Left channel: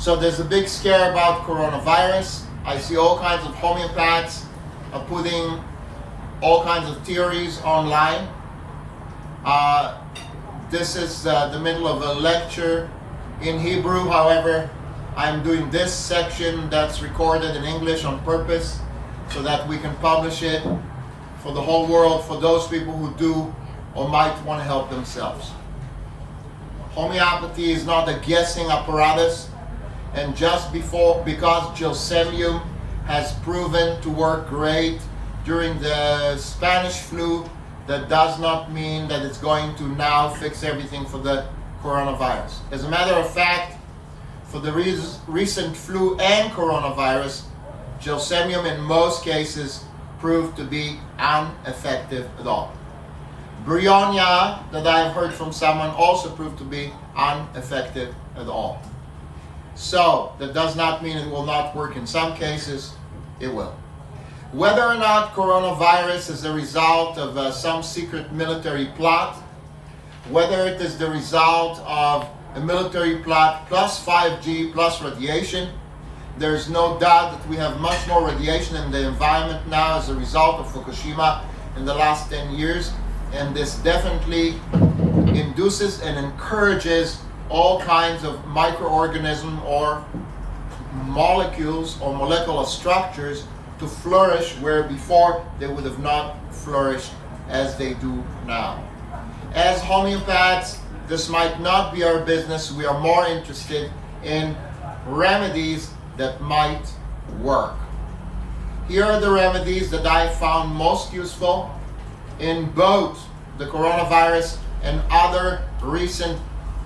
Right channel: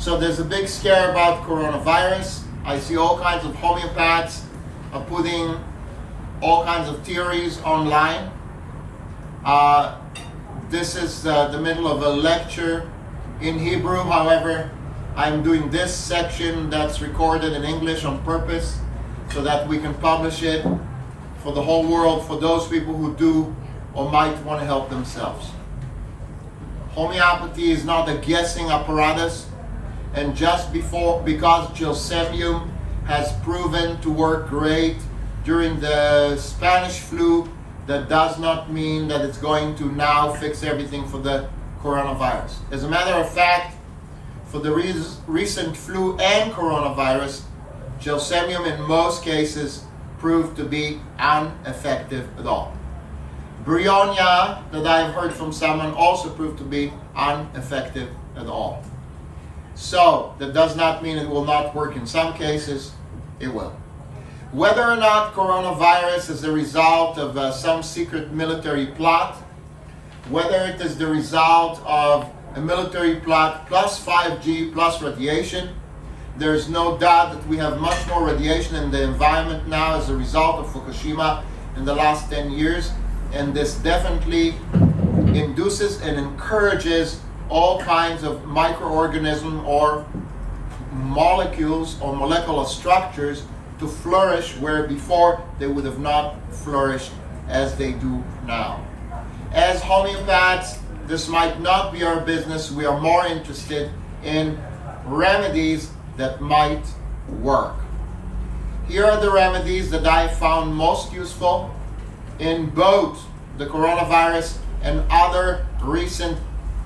So there's a big scare about coronavirus. I see all kinds of homeopaths are putting all kinds of theories online. This is the middle of a lecture in Hebrew. However, I'm doing this section that's recorded in English on purpose so that we can publish it for the whole world, for those people who do or might want to help themselves. Homeopathy is not a guessing apparatus, and just because gelsemium has proven to work great during the Spanish flu, that does not mean that it's going to now fix everything for the coronavirus. As a matter of fact, for the recent flu and coronavirus, gelsemium in most cases proved to be ineffective at all. Bryonia, that I have heard from someone, also proved to be ineffective at all. So, that does not mean it will not work in some cases, it will. Whether or not coronavirus is the result of some secret military plot, whether it is the result of a military plot plus 5G plus radiation, there's no doubt that we have much more radiation in the environment now as a result of Fukushima in the last 10 years, and this definitely induces and encourages all kinds of microorganisms or molecules or molecular structures to flourish where before they would have not flourished as they do now. As homeopaths, this might not be our business. We are more interested in remedies that might work. Here are the remedies that I found most useful in both the coronavirus and other recent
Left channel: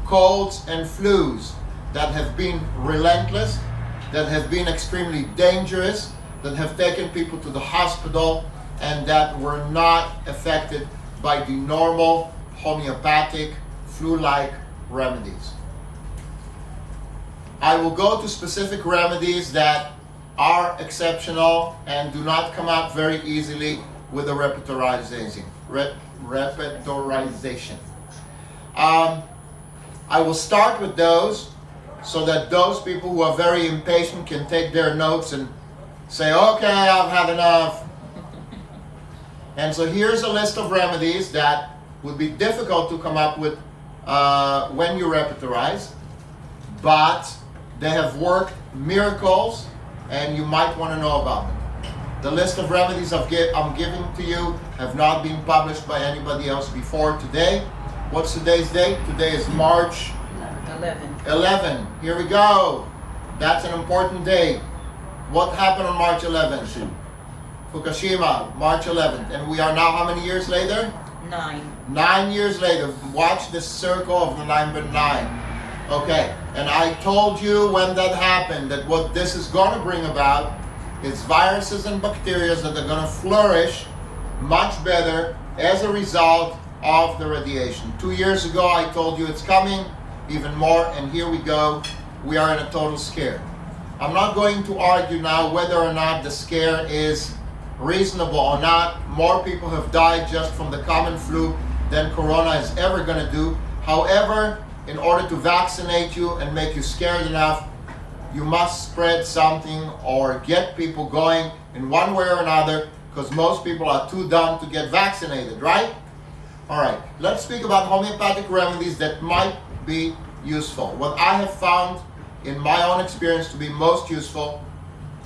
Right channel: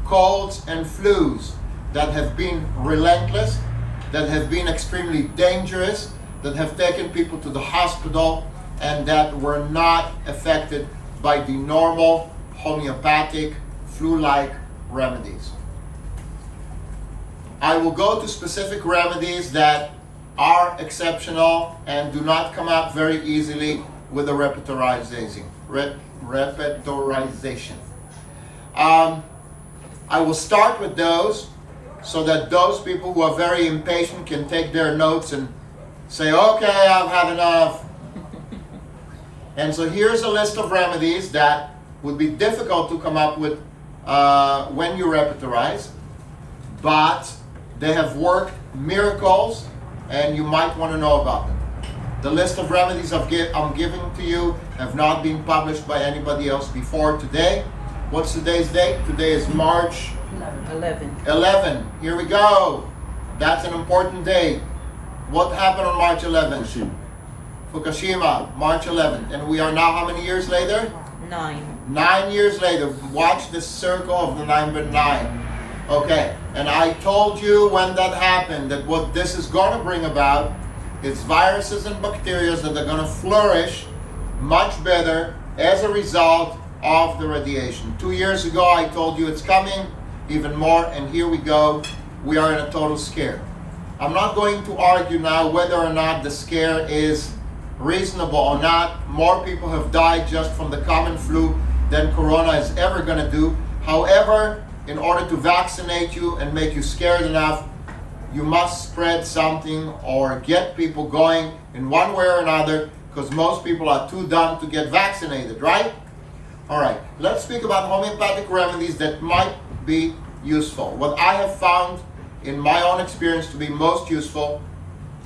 colds and flus that have been relentless, that have been extremely dangerous, that have taken people to the hospital, and that were not affected by the normal homeopathic flu-like remedies. I will go to specific remedies that are exceptional and do not come up very easily with a repertorization. I will start with those so that those people who are very impatient can take their notes and say, okay, I've had enough. And so here's a list of remedies that would be difficult to come up with when you repertorize, but they have worked miracles and you might want to know about them. The list of remedies I'm giving to you have not been published by anybody else before today. What's today's date? Today is March 11. Here we go. That's an important day. What happened on March 11th? Fukushima, March 11th. And we are now how many years later? 9. 9 years later. Watch this circle of the number 9. Okay, and I told you when that happened that what this is going to bring about is viruses and bacteria that are going to flourish much better as a result of the radiation. 2 years ago I told you it's coming, even more, and here we go. We are in a total scare. I'm not going to argue now whether or not the scare is reasonable or not. More people have died just from the common flu than corona is ever going to do. However, in order to vaccinate you and make you scared enough, you must spread something or get people going in one way or another, because most people are too dumb to get vaccinated, right? All right, let's speak about homeopathic remedies that might be useful. What I have found in my own experience to be most useful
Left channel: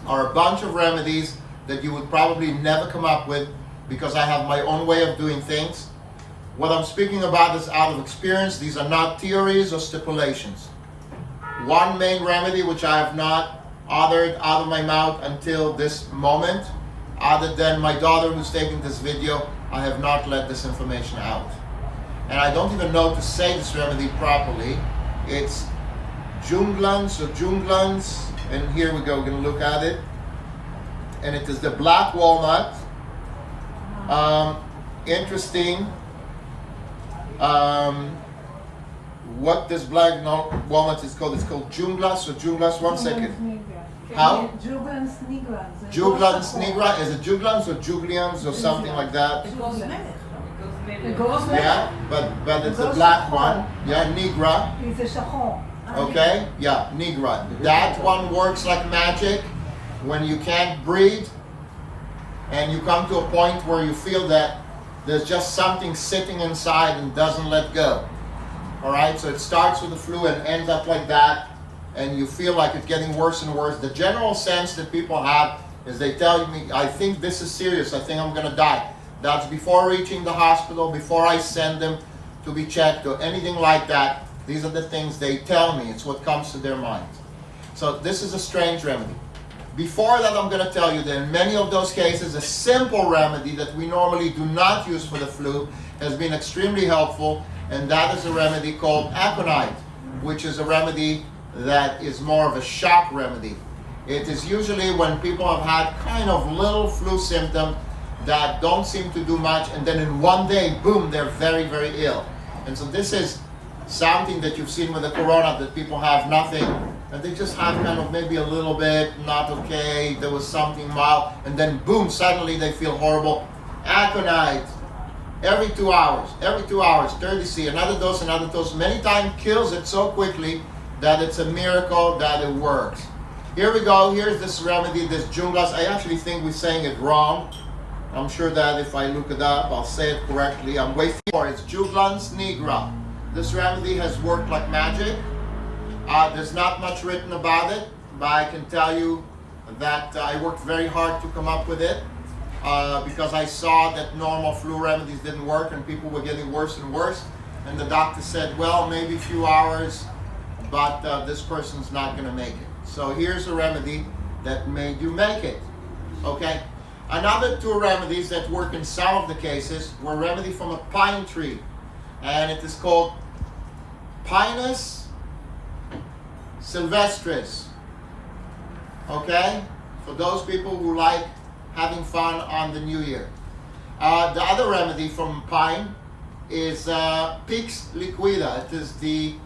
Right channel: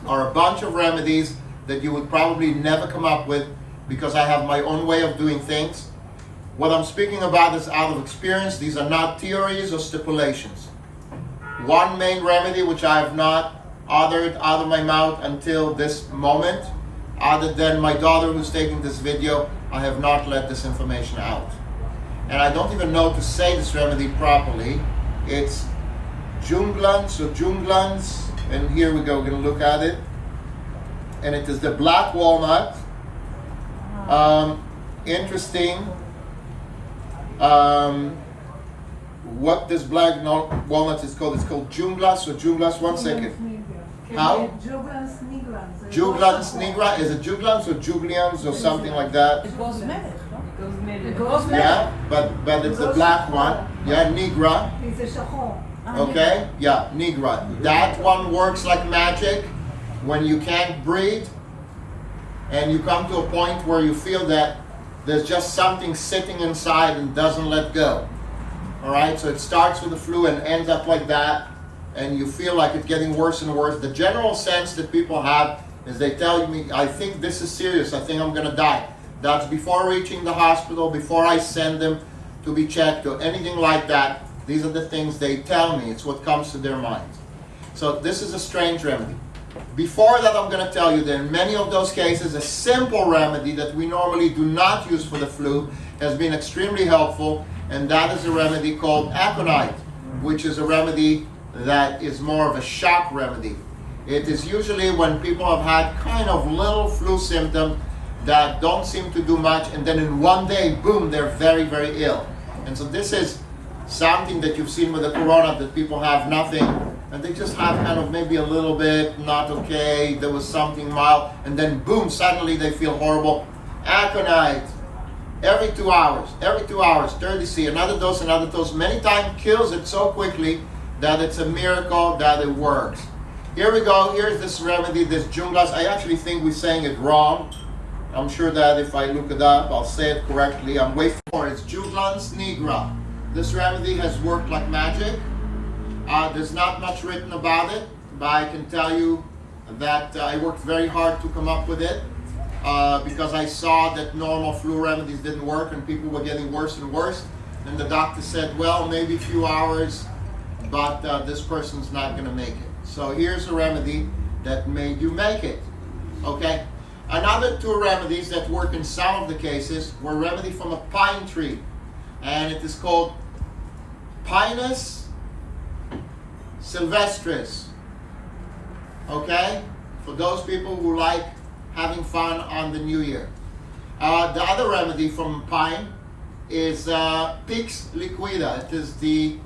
are a bunch of remedies that you would probably never come up with because I have my own way of doing things. What I'm speaking about is out of experience. These are not theories or stipulations. One main remedy which I have not uttered out of my mouth until this moment, other than my daughter who's taking this video, I have not let this information out. And I don't even know to say this remedy properly. It's Junglans or Junglans, and here we go, we're going to look at it. And it is the black walnut. Interesting. What this black walnut is called? It's called Junglas or Junglas. 1 second. How? Juglans nigra. Is it Juglans or Juglians or something like that? Yeah, but it's the black one. Yeah, nigra. Okay? Yeah, Nigra. That one works like magic. When you can't breathe and you come to a point where you feel that there's just something sitting inside and doesn't let go. All right? So it starts with the flu and ends up like that, and you feel like it's getting worse and worse. The general sense that people have is they tell me, I think this is serious. I think I'm going to die. That's before reaching the hospital, before I send them to be checked or anything like that. These are the things they tell me. It's what comes to their mind. So this is a strange remedy. Before that, I'm going to tell you that in many of those cases, a simple remedy that we normally do not use for the flu has been extremely helpful, and that is a remedy called aconite, which is a remedy that is more of a shock remedy. It is usually when people have had kind of little flu symptoms that don't seem to do much, and then in one day, boom, they're very, very ill. And so this is something that you've seen with the corona, that people have nothing, and they just have kind of maybe a little bit, not okay, there was something mild, and then boom, suddenly they feel horrible. Aconite, every 2 hours, 30C, another dose, many times kills it so quickly that it's a miracle that it works. Here we go, here's this remedy, this Junglas. I actually think we're saying it wrong. I'm sure that if I look it up, I'll say it correctly. I'm waiting for it. It's Juglans nigra. This remedy has worked like magic. There's not much written about it, but I can tell you that I worked very hard to come up with it because I saw that normal flu remedies didn't work and people were getting worse and worse. And the doctor said, well, maybe a few hours, but this person's not going to make it. So here's a remedy that made you make it. Okay? Another two remedies that work in some of the cases were remedy from a pine tree, and it is called Pinus sylvestris. Okay? For those people who like having fun on the New Year. The other remedy from pine is Pix liquida. It is the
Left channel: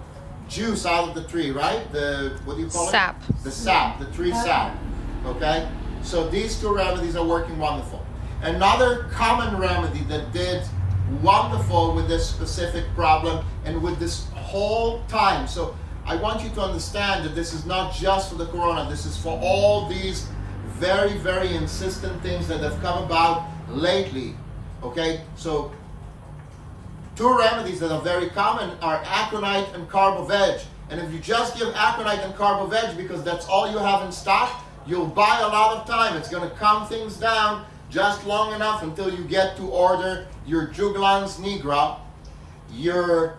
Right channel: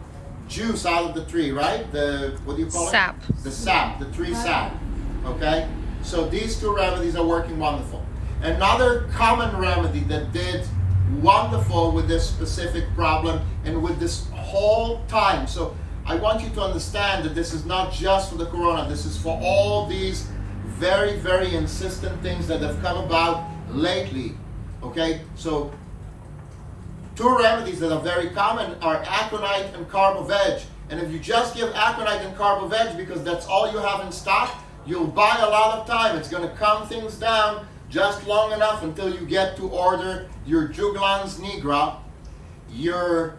juice out of the tree, right? The, what do you call it? Sap. The sap, the tree sap. Okay? So these two remedies are working wonderful. Another common remedy that did wonderful with this specific problem and with this whole time. So I want you to understand that this is not just for the corona. This is for all these very, very insistent things that have come about lately. Okay? So two remedies that are very common are aconite and carboveg. And if you just give aconite and carboveg because that's all you have in stock, you'll buy a lot of time. It's going to calm things down just long enough until you get to order your Juglans nigra, your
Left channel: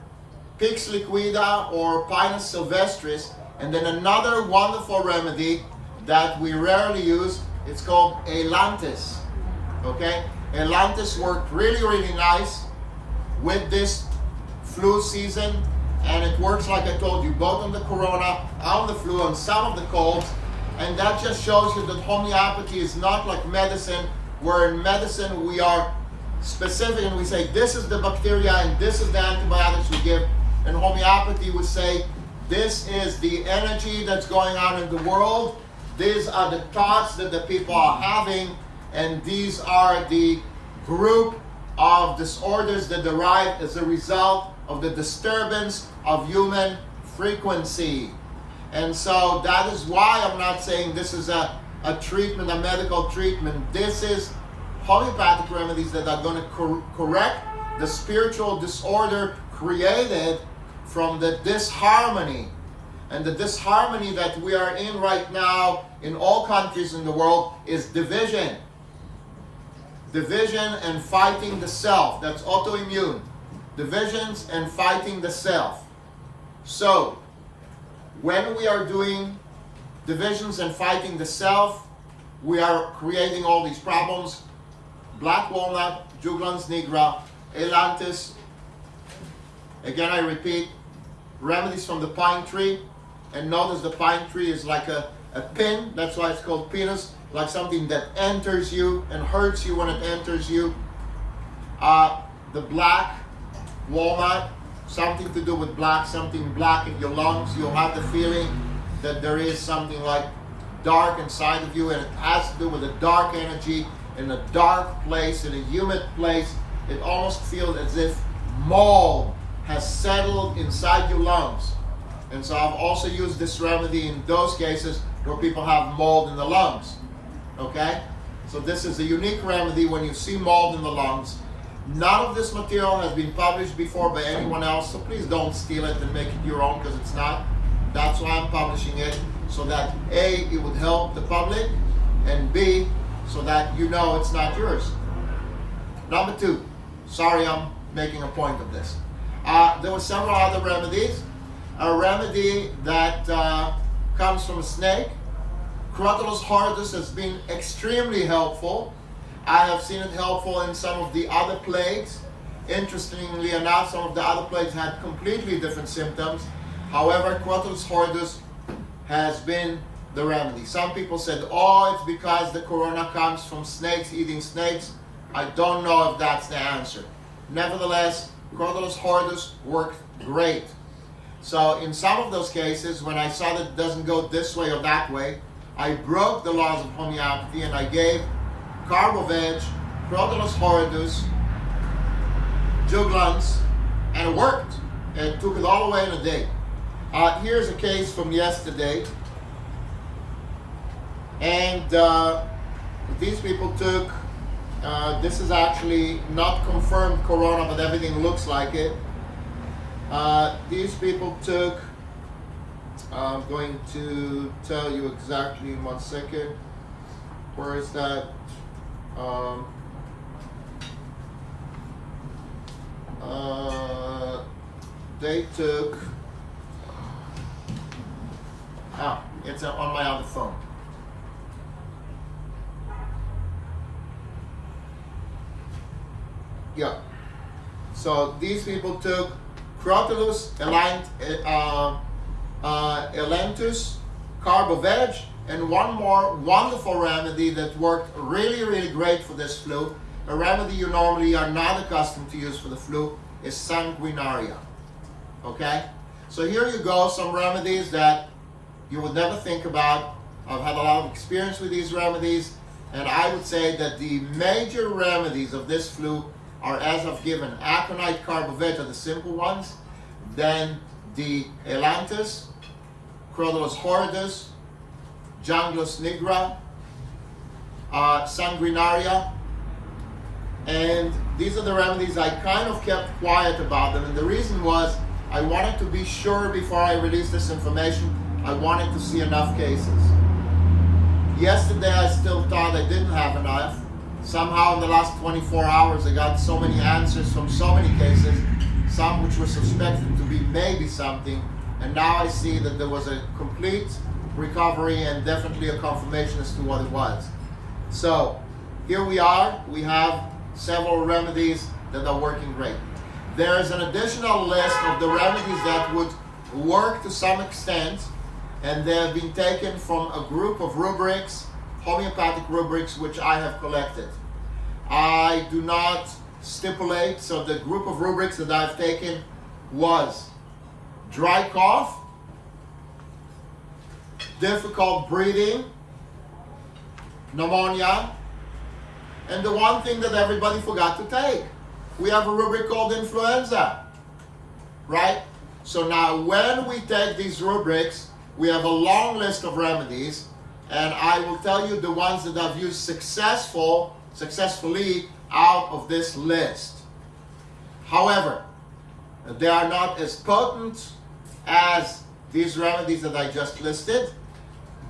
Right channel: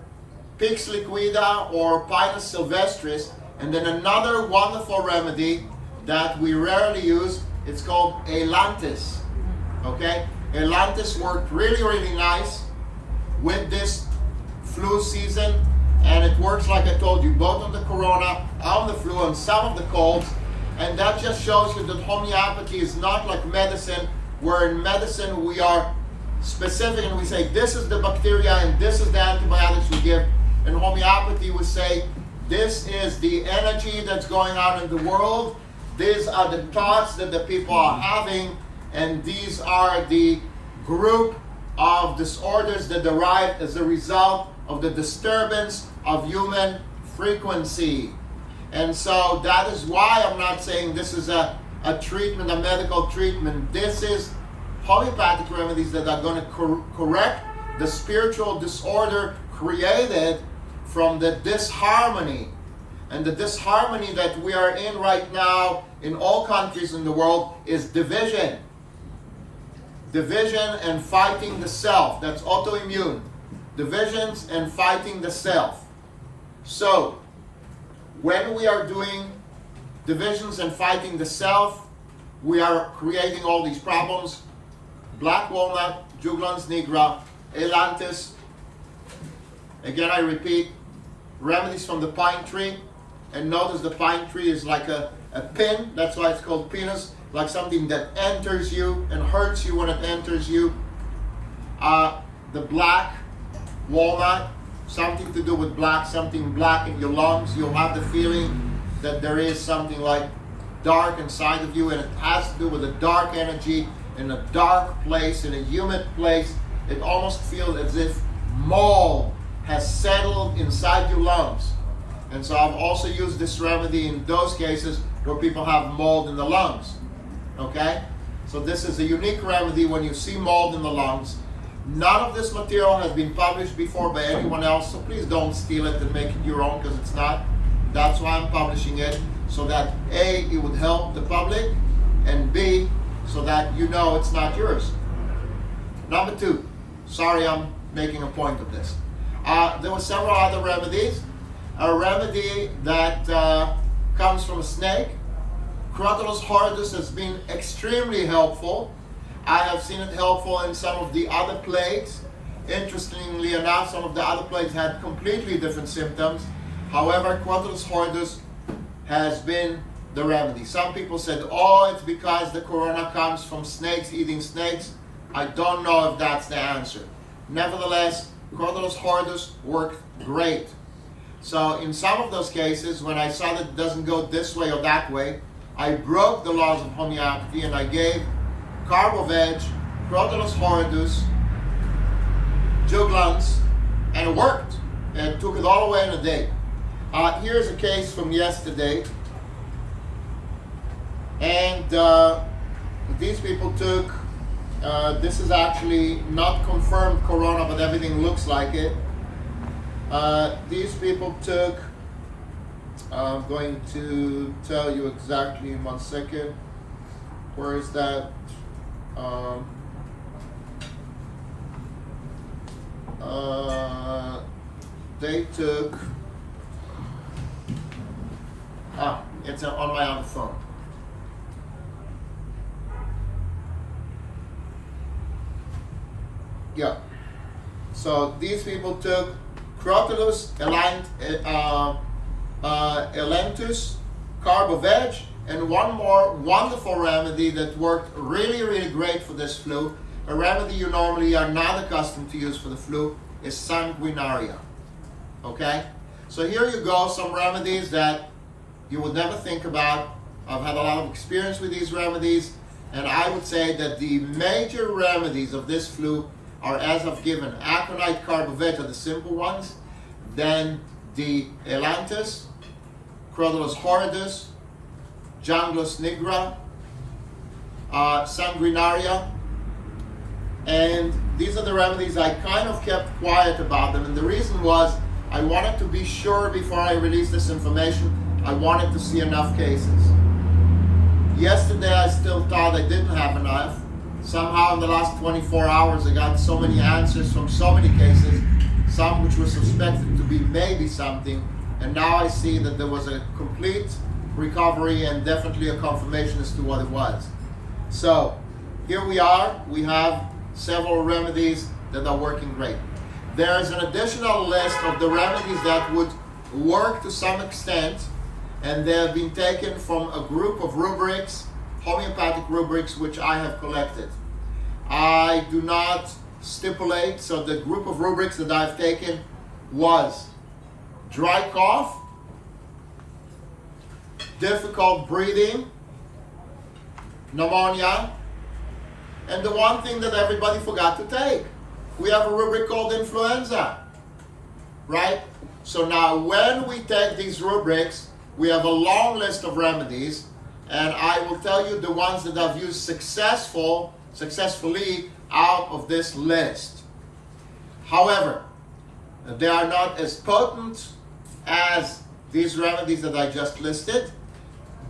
Pix liquida or Pinus sylvestris, and then another wonderful remedy that we rarely use, it's called Ailanthus. Okay? Ailanthus worked really, really nice with this flu season, and it works like I told you, both on the corona, on the flu, and some of the colds. And that just shows you that homeopathy is not like medicine, where in medicine we are specific and we say this is the bacteria and this is the antibiotics we give. In homeopathy we say this is the energy that's going on in the world, these are the thoughts that the people are having, and these are the group of disorders that derive as a result of the disturbance of human frequency. And so that is why I'm not saying this is a treatment, a medical treatment. This is homeopathic remedies that are going to correct the spiritual disorder created from the disharmony. And the disharmony that we are in right now in all countries in the world is division. Division and fighting the self. That's autoimmune. Divisions and fighting the self. So, when we are doing divisions and fighting the self, we are creating all these problems. Black walnut, Juglans nigra, Ailanthus. Again, I repeat, remedies from the pine tree. And notice the pine tree is like a pin. That's why it's called pinus, like something that enters you and hurts you when it enters you. The black walnut, something to do with black, something black in your lungs. You'll have the feeling that there is something like dark inside of you, and it has to do with a dark energy in a dark place, in a humid place. It almost feels as if mold has settled inside your lungs. And so I've also used this remedy in those cases where people have mold in the lungs. Okay? So this is a unique remedy when you see mold in the lungs. None of this material has been published before by anyone else, so please don't steal it and make it your own, because it's not. That's why I'm publishing it, so that A, it would help the public, and B, so that you know it's not yours. Number two, sorry I'm making a point of this. There were several other remedies. A remedy that comes from a snake. Crotalus horridus has been extremely helpful. I have seen it helpful in some of the other plagues. Interestingly enough, some of the other plagues had completely different symptoms. However, Crotalus horridus has been the remedy. Some people said, oh, it's because the corona comes from snakes eating snakes. I don't know if that's the answer. Nevertheless, Crotalus horridus worked great. So in some of those cases, when I saw that it doesn't go this way or that way, I broke the laws of homeopathy and I gave Carboveg, Crotalus horridus, Juglans, and it worked. And took it all away in a day. Here's a case from yesterday. And these people took, this is actually not confirmed corona, but everything looks like it. These people took, I'm going to tell you exactly in 1 second. Where is that? They took, it's on my other phone. Yeah. So these people took Crotalus elentus, Carboveg, and one more wonderful remedy that worked really, really great for this flu. A remedy you normally are not accustomed to use for the flu is sanguinaria. Okay? So here you go, some remedies that you would never think about. I've had a lot of experience with these remedies, and I would say that the major remedies of this flu are, as I've given, aconite, Carboveg are the simple ones, then the elantus, Crotalus horridus, Janglus nigra, sanguinaria, and these are the remedies I kind of kept quiet about them, and the reason was I wanted to be sure before I released this information. I wanted to see enough cases. Yesterday I still thought I didn't have enough. Somehow in the last 24 hours I got so many answers from so many cases, some which were suspected to be maybe something, and now I see that there was a complete recovery and definitely a confirmation as to what it was. So here we are, we have several remedies that are working great. There is an additional list of the remedies that would work to some extent, and they have been taken from a group of rubrics, homeopathic rubrics, which I have collected. I do not stipulate, so the group of rubrics that I've taken was dry cough, difficult breathing, pneumonia, and the one thing that everybody forgot to take. We have a rubric called influenza, right? So now when we take these rubrics, we have a long list of remedies, and I will tell you the ones that I've used successfully out of this list. However, they are not as potent as these remedies that I just listed,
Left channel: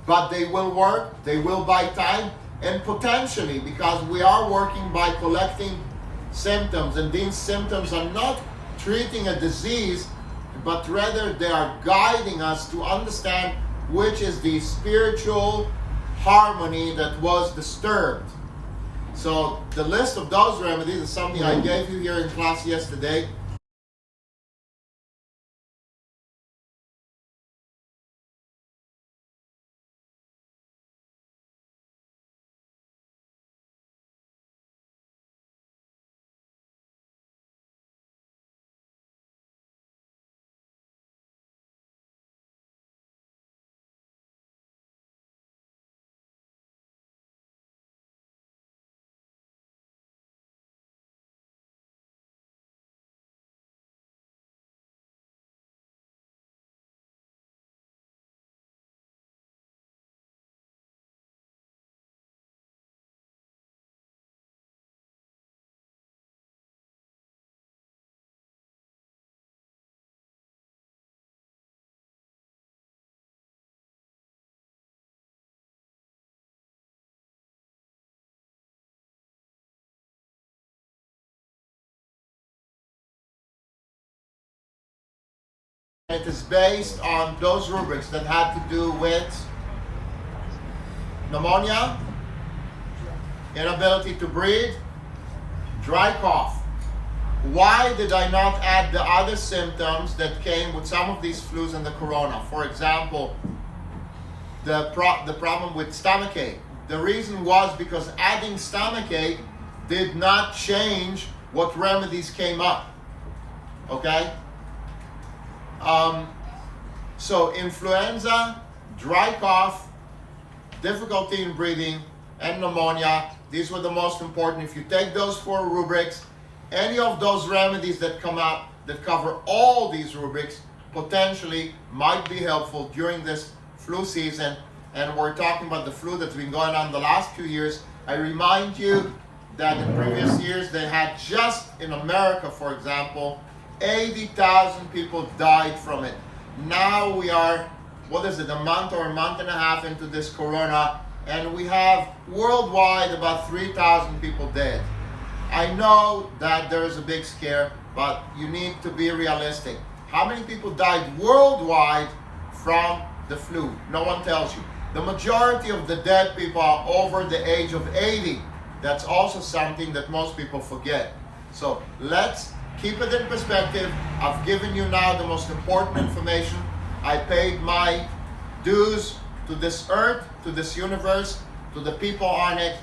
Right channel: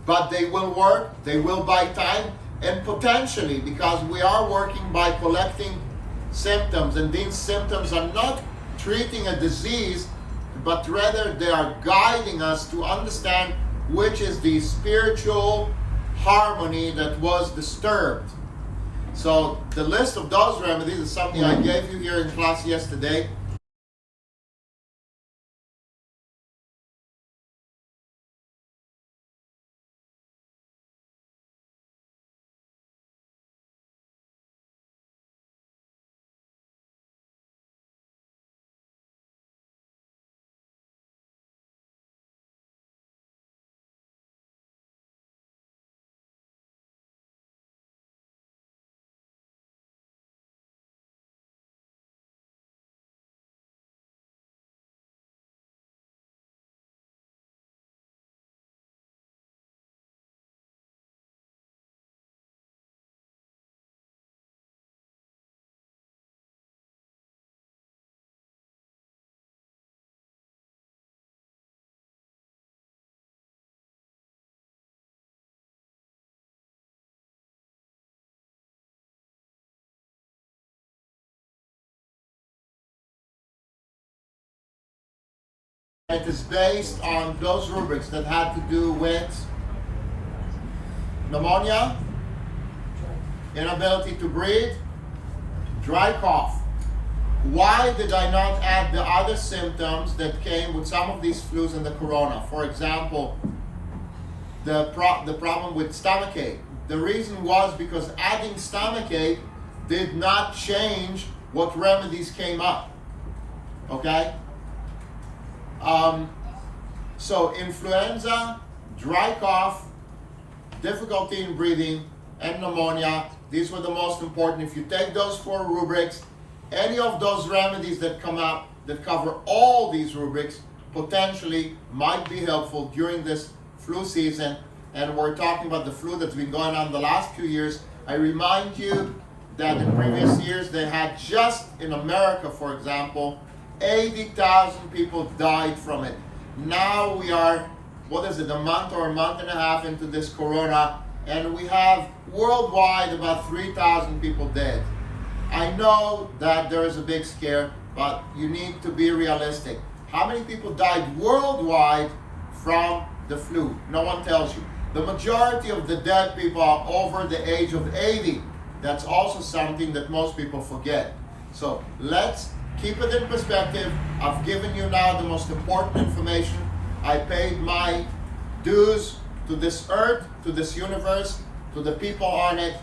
but they will work, they will buy time, and potentially, because we are working by collecting symptoms, and these symptoms are not treating a disease, but rather they are guiding us to understand which is the spiritual harmony that was disturbed. So the list of those remedies is something I gave you here in class yesterday. It is based on those rubrics that had to do with pneumonia, inability to breathe, dry cough. Why did I not add the other symptoms that came with some of these flus and the corona? For example, the problem with stomach ache. The reason was because adding stomach ache did not change what remedies came up. Okay? So influenza, dry cough, difficulty in breathing, and pneumonia, these were the most important. If you take those 4 rubrics, any of those remedies that come up that cover all these rubrics potentially might be helpful during this flu season. And we're talking about the flu that's been going on the last few years. I remind you that in previous years they had, just in America for example, 80,000 people died from it. Now we are, a month or a month and a half into this corona, and we have worldwide about 3,000 people dead. I know that there is a big scare, but you need to be realistic. How many people died worldwide from the flu? No one tells you. The majority of the dead people are over the age of 80. That's also something that most people forget. So let's keep it in perspective. I've given you now the most important information. I paid my dues to this earth, to this universe, to the people on it,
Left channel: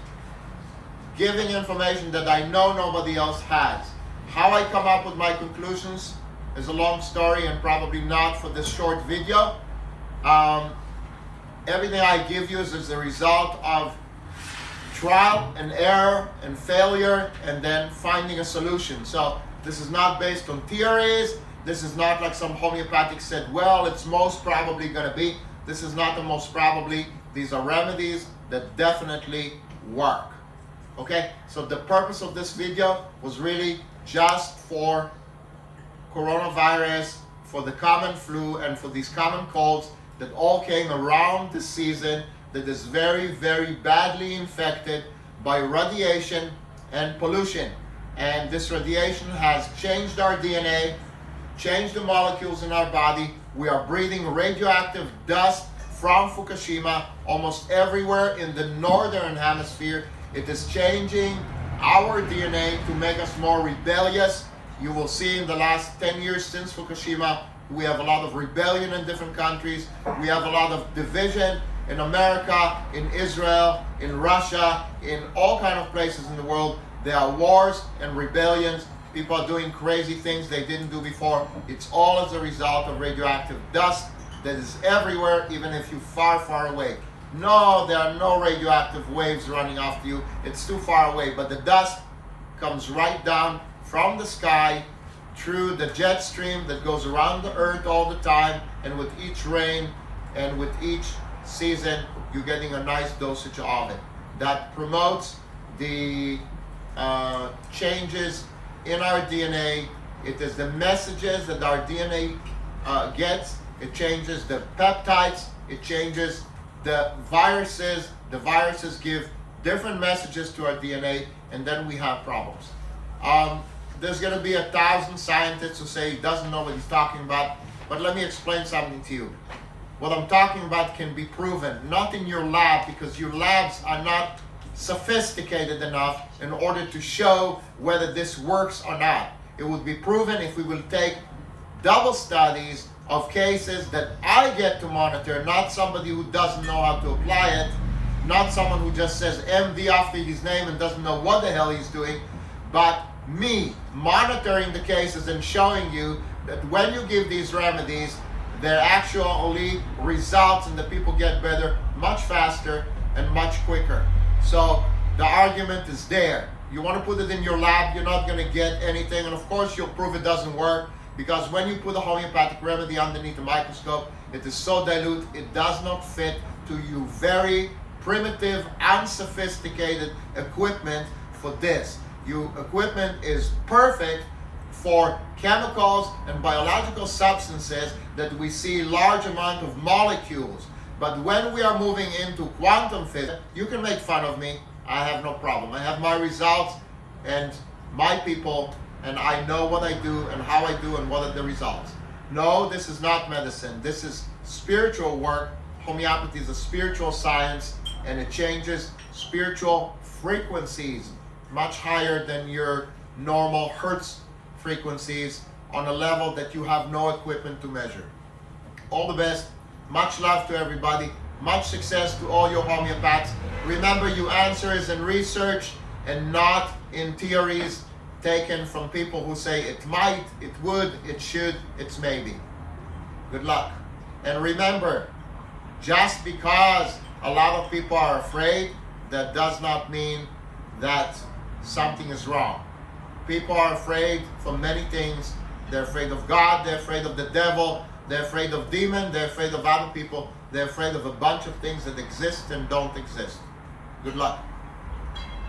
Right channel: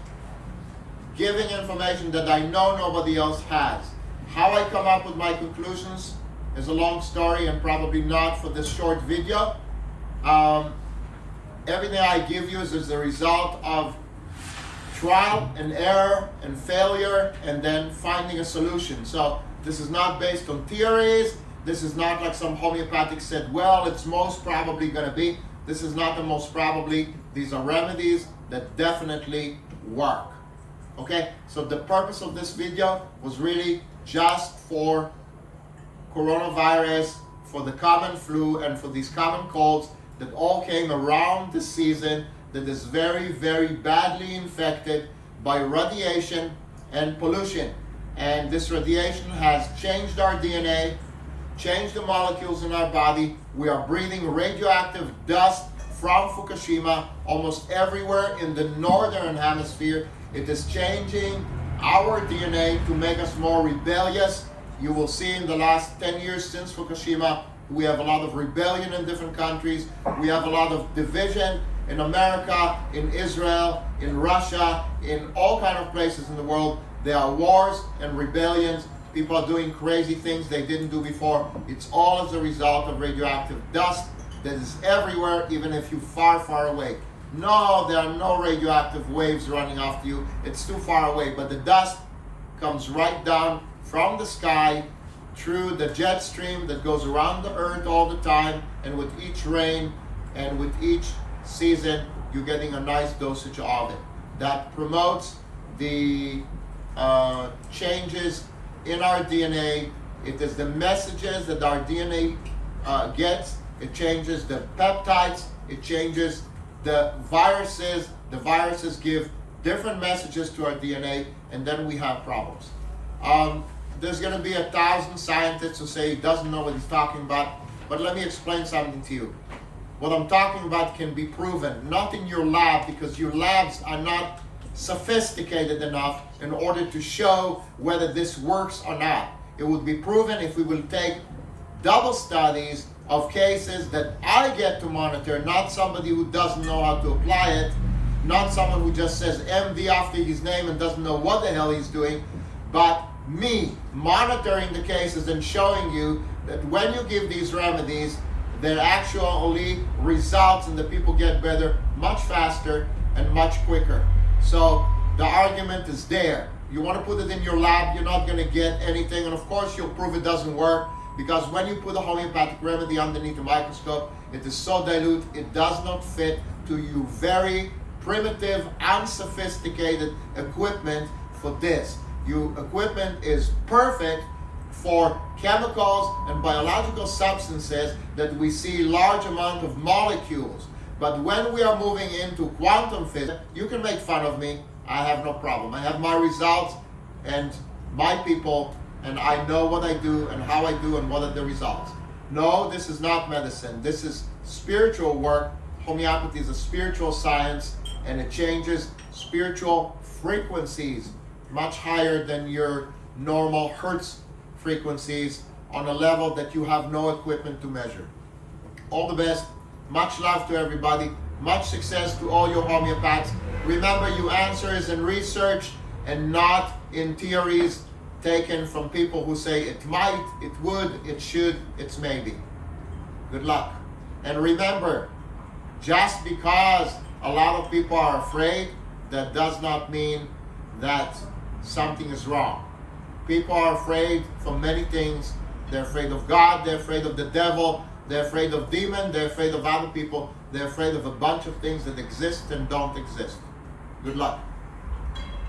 giving information that I know nobody else has. How I come up with my conclusions is a long story and probably not for this short video. Everything I give you is a result of trial and error and failure and then finding a solution. So this is not based on theories. This is not like some homeopathic said, well, it's most probably going to be. This is not the most probably. These are remedies that definitely work. Okay, so the purpose of this video was really just for coronavirus, for the common flu, and for these common colds that all came around the season that is very, very badly infected by radiation and pollution. And this radiation has changed our DNA, changed the molecules in our body. We are breathing radioactive dust from Fukushima almost everywhere in the northern hemisphere. It is changing our DNA to make us more rebellious. You will see in the last 10 years since Fukushima, we have a lot of rebellion in different countries. We have a lot of division in America, in Israel, in Russia, in all kinds of places in the world. There are wars and rebellions. People are doing crazy things they didn't do before. It's all as a result of radioactive dust that is everywhere, even if you're far, far away. No, there are no radioactive waves running after you. It's too far away. But the dust comes right down from the sky through the jet stream that goes around the earth all the time. And with each rain and with each season, you're getting a nice dosage of it. That promotes the changes in our DNA. It is the messages that our DNA gets. It changes the peptides. It changes the viruses. The viruses give different messages to our DNA, and then we have problems. There's going to be 1,000 scientists who say he doesn't know what he's talking about, but let me explain something to you. What I'm talking about can be proven, not in your lab, because your labs are not sophisticated enough in order to show whether this works or not. It would be proven if we will take double studies of cases that I get to monitor, not somebody who doesn't know how to apply it, not someone who just says MD after his name and doesn't know what the hell he's doing, but me monitoring the cases and showing you that when you give these remedies, there actually results and the people get better much faster and much quicker. So the argument is there. You want to put it in your lab, you're not going to get anything, and of course you'll prove it doesn't work, because when you put a homeopathic remedy underneath a microscope, it is so dilute, it does not fit to your very primitive, unsophisticated equipment for this. Your equipment is perfect for chemicals and biological substances that we see large amount of molecules. But when we are moving into quantum physics, you can make fun of me. I have no problem. I have my results and my people, and I know what I do and how I do and what are the results. No, this is not medicine. This is spiritual work. Homeopathy is a spiritual science, and it changes spiritual frequencies much higher than your normal hertz frequencies on a level that you have no equipment to measure. All the best. Much love to everybody. Much success to all your homeopaths. Remember, your answer is in research and not in theories taken from people who say it might, it would, it should, it's maybe. Good luck. And remember, just because a lot of people are afraid, that does not mean that something is wrong. People are afraid for many things. They're afraid of God, they're afraid of the devil, they're afraid of demons, they're afraid of other people, they're afraid of a bunch of things that exist and don't exist. Good luck.